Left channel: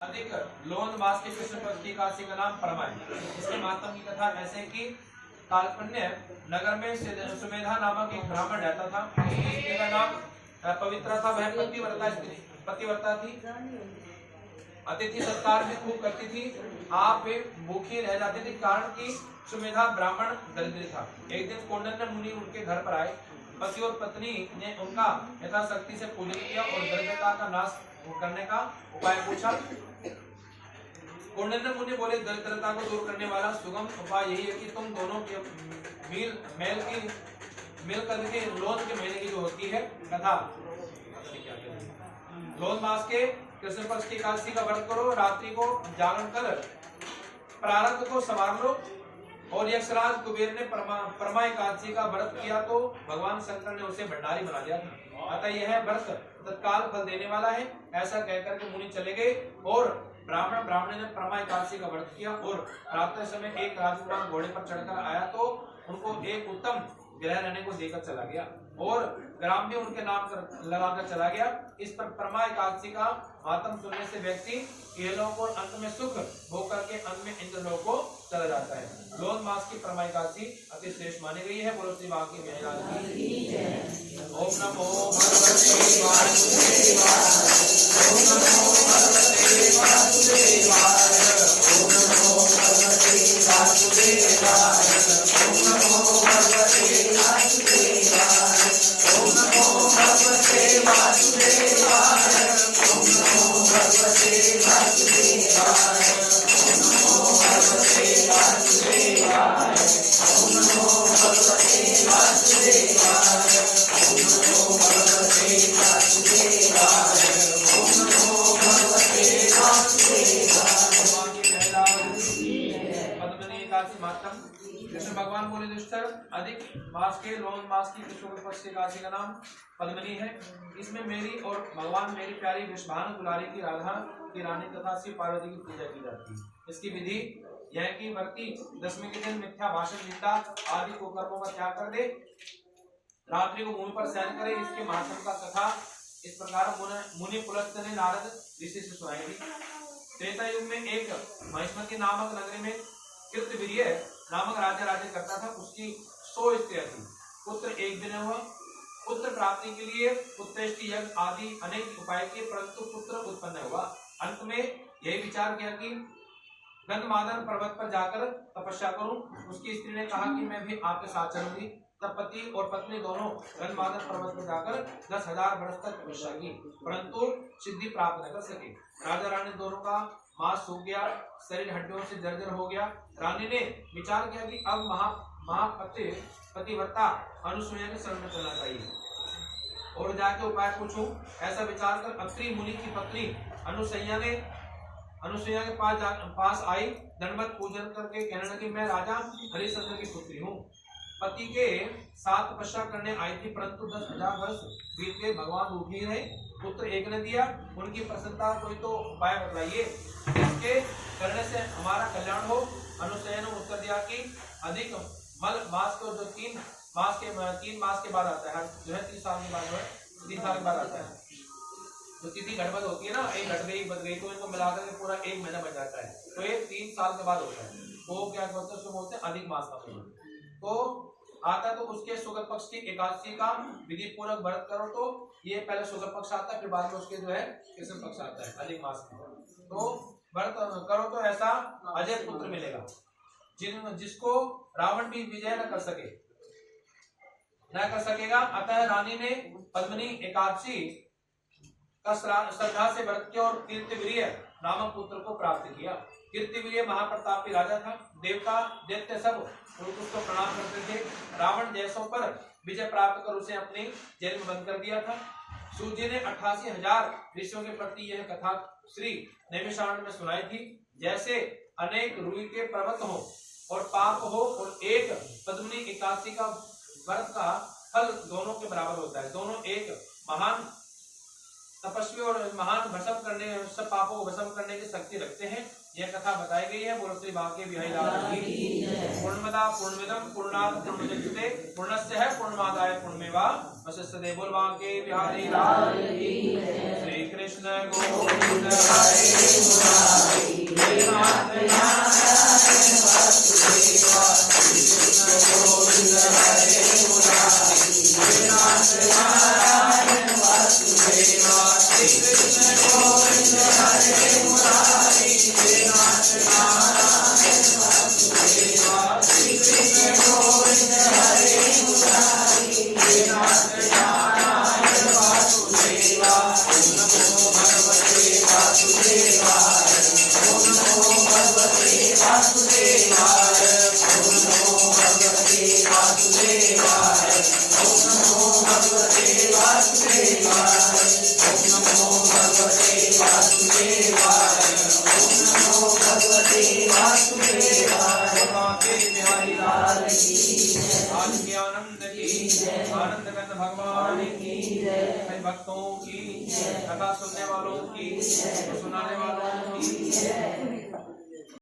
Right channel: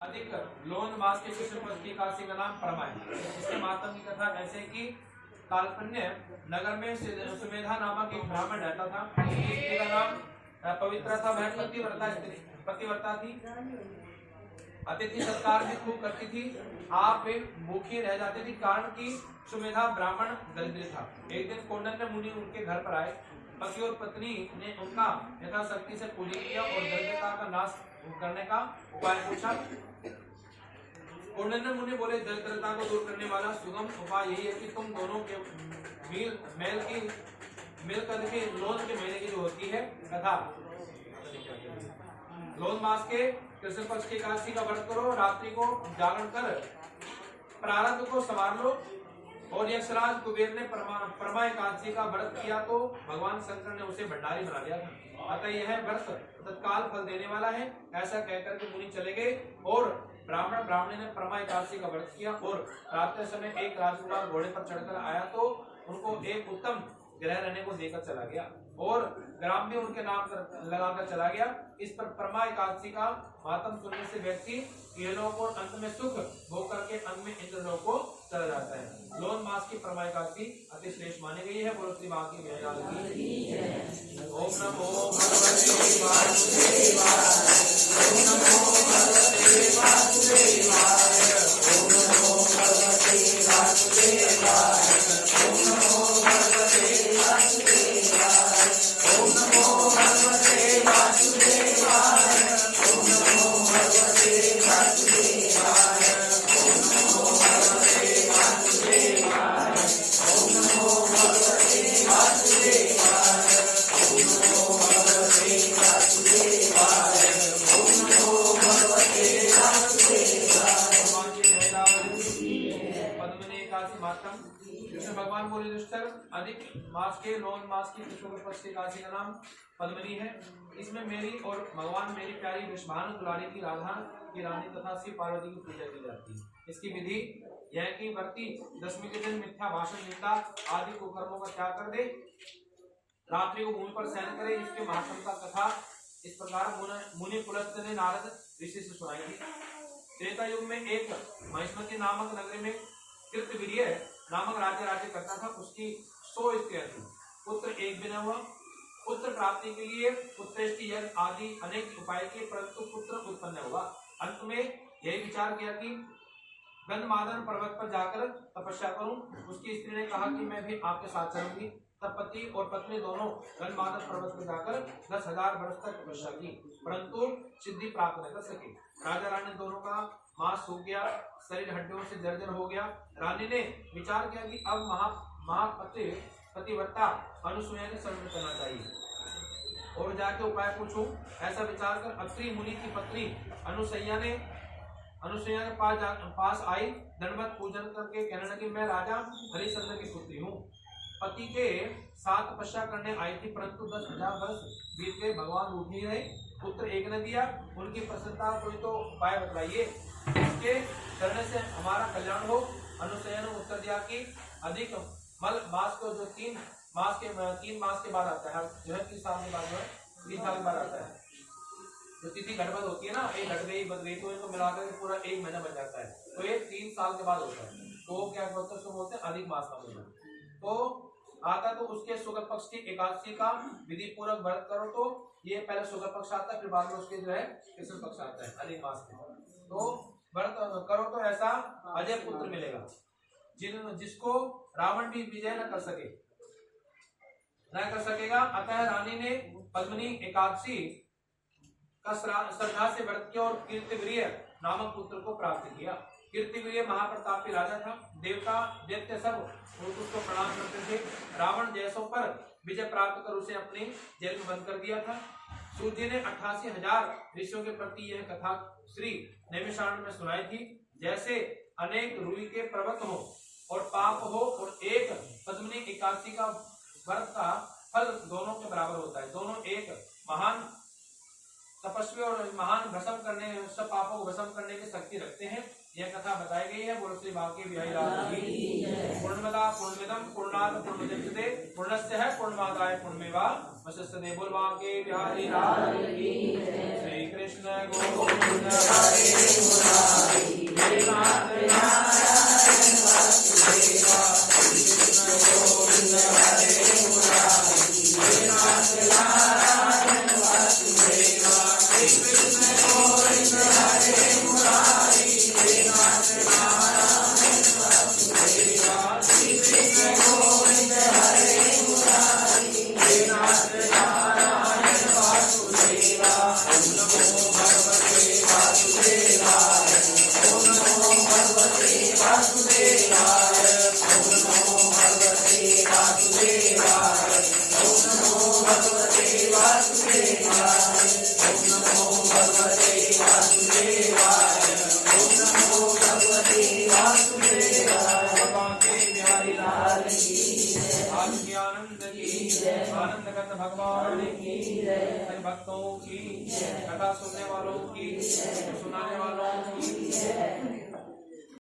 अधिक लोन मास के कृष्ण पक्ष की एकादशी का नाम परमाय। इसके महात्म की कथा ऐसे कि काल्पन्य नगर में सुमेधा नामक एक ब्राह्मण रहता था। उसकी स्त्री का नाम पवित्रा था। वह पतिव्रता थी। अतिथि सत्कार भी खूब करती थी। आप वे भूखी रह जाती थी कारण कि सुमेधा ब्राह्मण दरिद्री था। एक दिन कौंडिन्य मुनि उनके घर पर आए। पति और पत्नी ने उनका यथाशक्ति से पूजन किया और दरिद्रता का नाश करने का उपाय पूछा। कौंडिन्य मुनि बोले, दरिद्रता को दूर करने वाला सुगम उपाय यही है कि तुम दोनों के मिल करके लोन के महीने की जो होती है कथा, लोन मास के कृष्ण पक्ष की एकादशी का व्रत करो। रात्रि को जागरण कर प्रारब्ध को संवार लो। और यक्षराज कुबेर ने परमा एकादशी का व्रत किया तो भगवान शंकर ने उसे भंडारी बना दिया था। अतः यह व्रत तत्काल फल देने वाला है। ऐसा कहकर के मुनि चले गए और ब्राह्मणी ने परमा एकादशी का व्रत किया। और प्रातः समय एक राजकुमार घोड़े पर चढ़कर आया तो उनको एक उत्तम गृह रहने को देकर चला गया और ग्राम भी उनके नाम लगाकर चला गया। इस पर परमा एकादशी का महात्म सुनने से व्यक्ति इहलोक और अंत में सुख भोग करके अंत में इंद्रलोक को चला जाता है। लोन मास की परमा एकादशी अति श्रेष्ठ मानी गई है। बोलो श्री बांकी बिहारी लाल की। ओम नमो भगवते वासुदेवाय। ओम नमो भगवते वासुदेवाय। ओम नमो भगवते वासुदेवाय। ओम नमो भगवते वासुदेवाय। ओम नमो भगवते वासुदेवाय। ओम नमो भगवते वासुदेवाय। ओम नमो भगवते वासुदेवाय। ओम नमो भगवते वासुदेवाय। ओम नमो भगवते वासुदेवाय। ओम नमो भगवते वासुदेवाय। पद्मनी एकादशी महात्म। कृष्ण भगवान बोले, दुष्टर अधिक मास के लोन मास की कृष्ण पक्ष की एकादशी का नाम पद्मनी है। इसमें मेरी और भगवान मेरी प्यारी वृषभानु दुलारी की राधा की रानी तथा श्री पार्वती की पूजा की जाती है। इसकी विधि यह कि व्रती दशमी के दिन मिथ्या भाषण, निंदा आदि कुकर्मों का त्याग कर दे, रात्रि को भूमि पर शयन करे। इसके महात्म का कथा इस प्रकार मुनि पुलस्त ने नारद ऋषि से सुनाई थी। त्रेता युग में एक महिष्मती नामक नगरी में कृतवीर्य नामक राजा राज्य करता था। उसकी 100 स्त्रियां थी। पुत्र एक भी न हुआ। पुत्र प्राप्ति के लिए पुत्रेष्टि यज्ञ आदि अनेक उपाय किए परंतु पुत्र उत्पन्न हुआ। अंत में यही विचार किया कि गंधमादन पर्वत पर जाकर तपस्या करूं। उसकी स्त्री ने कहा कि मैं भी आपके साथ चलूंगी। तब पति और पत्नी दोनों गंधमादन पर्वत पर जाकर 10,000 वर्ष तक तपस्या की परंतु सिद्धि प्राप्त न कर सके। राजा रानी दोनों का मांस सूख गया, शरीर हड्डियों से जर्जर हो गया। रानी ने विचार किया कि अब पतिव्रता अनुसूया के शरण में चलना चाहिए और जाके उपाय पूछूं। ऐसा विचार कर अत्रि मुनि की पत्नी अनुसूया के पास आई। दंडवत पूजन करके कहने लगी, मैं राजा हरिश्चंद्र की पुत्री हूँ। पति के साथ तपस्या करने आई थी परंतु 10,000 वर्ष बीत गए, भगवान रूठ ही रहे, पुत्र एक ने दिया। उनकी प्रसन्नता कोई तो उपाय बतलाइए, इसके करने से हमारा कल्याण हो। अनुसूया ने उत्तर दिया कि अधिक मल मास को जो 3 मास के बाद आता है, जो है 3 साल के बाद, जो है 3 साल के बाद आता है। तो तिथि घटबद होती है ना, एक घट गई बद गई तो इनको मिलाकर के पूरा 1 महीना बन जाता है। तो ये 3 साल के बाद होता है। वो क्या बोलते हैं, उसको बोलते हैं अधिक मास का महीना। तो आता तो उसके शुक्ल पक्ष की एकादशी का विधि पूर्वक व्रत करो। तो ये पहले शुक्ल पक्ष आता है, फिर बाद में उसके जो है कृष्ण पक्ष आता है अधिक मास में। तो व्रत करो तो ऐसा अजय पुत्र मिलेगा जिसको रावण भी विजय न कर सकेगा। अतः रानी ने पद्मनी एकादशी का श्रद्धा से व्रत किया और कीर्तिवीर्य नामक पुत्र को प्राप्त किया। कीर्तिवीर्य महाप्रतापी राजा था। देवता दैत्य सब उसको प्रणाम करते थे। रावण जैसों पर विजय प्राप्त कर उसे अपने जेल में बंद कर दिया था। सूर्य जी ने 88,000 ऋषियों के प्रति यह कथा श्री नैमिषारण्य में सुनाई थी। जैसे अनेक रुई के पर्वत हो और पाप हो और एक पद्मनी एकादशी का व्रत का फल दोनों के बराबर होता है। दोनों एक महान तपस्वी और महान भस्म करने, सब पापों को भस्म करने की शक्ति रखते हैं। यह कथा बताई गई है। बोलो श्री बांके बिहारी लाल की। पूर्णमदा पूर्णमिदम पूर्णात् पूर्णमुदच्यते पूर्णस्य है पूर्णमादाय पूर्णमेवावशिष्यते। बोल बांके बिहारी लाल की। श्री कृष्ण गोविंद हरे मुरारी हे नाथ नारायण वासुदेवा। कृष्ण गोविंद हरे मुरारी हे नाथ नारायण वासुदेवा। श्री कृष्ण गोविंद हरे मुरारी हे नाथ नारायण वासुदेवा। श्री कृष्ण गोविंद हरे मुरारी हे नाथ नारायण वासुदेवा। ओम नमो भगवते वासुदेवाय। ओम नमो भगवते वासुदेवाय। ओम नमो भगवते वासुदेवाय। ओम नमो भगवते वासुदेवाय। ओम नमो भगवते वासुदेवाय। ओम नमो भगवते वासुदेवाय। बांके बिहारी लाल की। आज की आनंद की आनंद कंद भगवान की। हरि भक्तों की, कथा सुनने वालों की, सुनाने वालों की,